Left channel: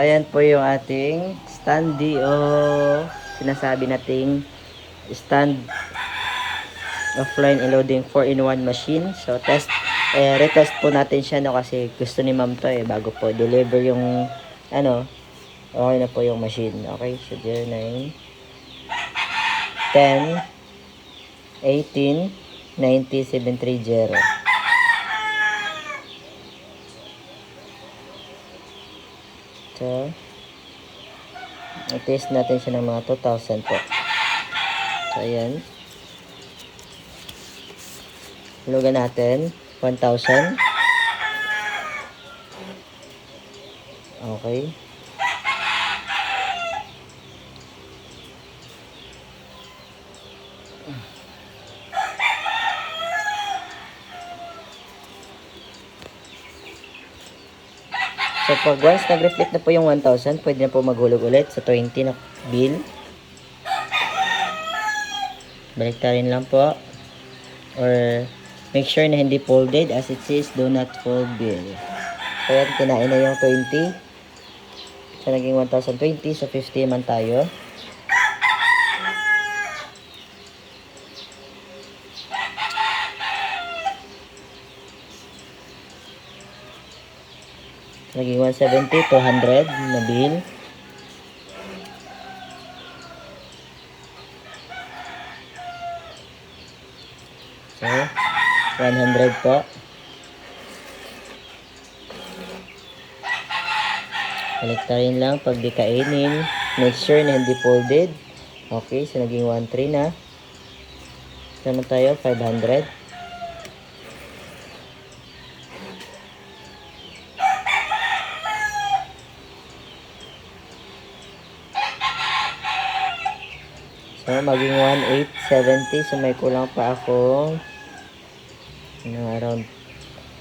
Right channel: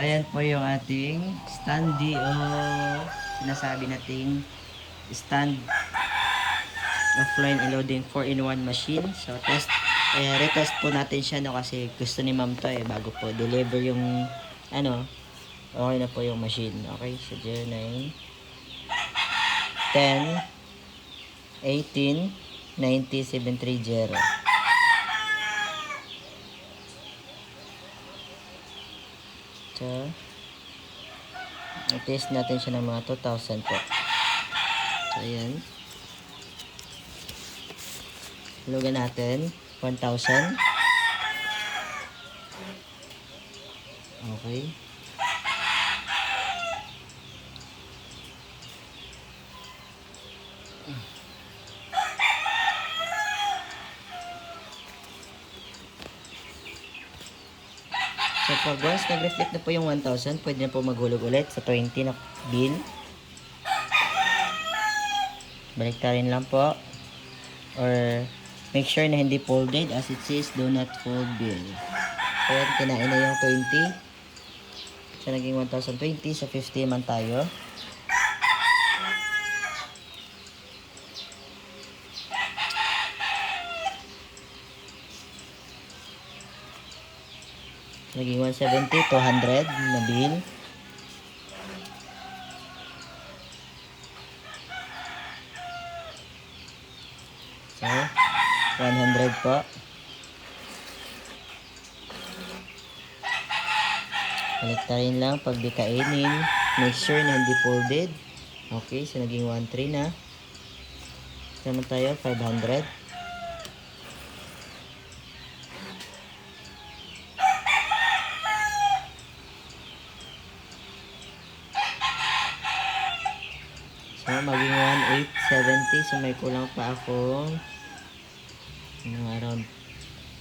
Ayan po yung ating standee o sinasabi nating stand offline loading 4-in-1 machine. So retest po natin siya kasi gusto ni ma'am to bago po deliver yung okay na po yung machine. Okay, so 09 10 18 90 730. So i-test natin siya ng mga 2,000 po. So ayan, hulugan natin 1,000. Okay. So pag once nag-reflect na po yung 1,000, pwede na po maghulog ulit sa 20 na bill. Baliktarin lang po. Or make sure na hindi folded as it says do not fold bill. So yan, kinain na yung 20. So naging 1,020. So 50 man tayo. Naging 170, 200 na bill. So 100 po. Baliktarin lang pag di kainin. Make sure na hindi folded. Okay, so naging 1,3 na. Sama tayo, 500. So maging 1,870. So may kulang pa akong around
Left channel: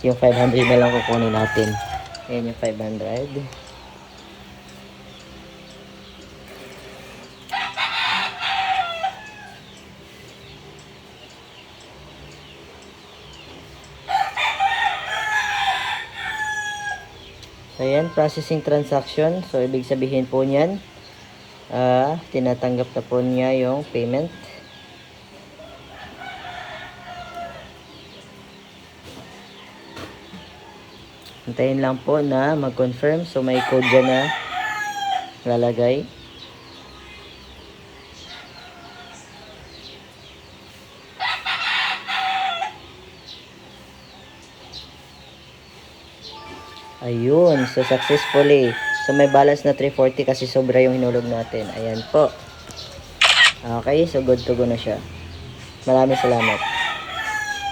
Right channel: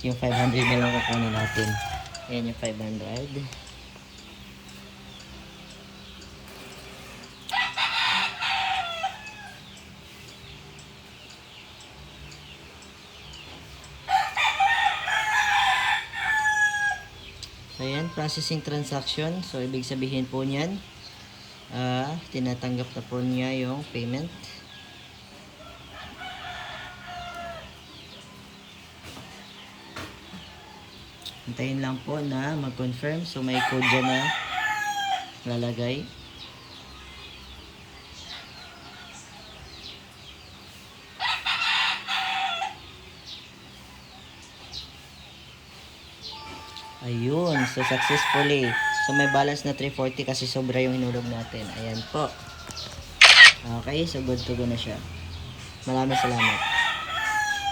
yung 500 na lang kukunin natin. Ayan yung 500. So ayan, processing transaction. So ibig sabihin po niyan, tinatanggap na po niya yung payment. Hintayin lang po na mag-confirm. So may code dyan na lalagay. Ayun, so successfully. So may balance na 340 kasi sobra yung hinulog natin. Ayan po. Okay, so good to go na siya. Maraming salamat.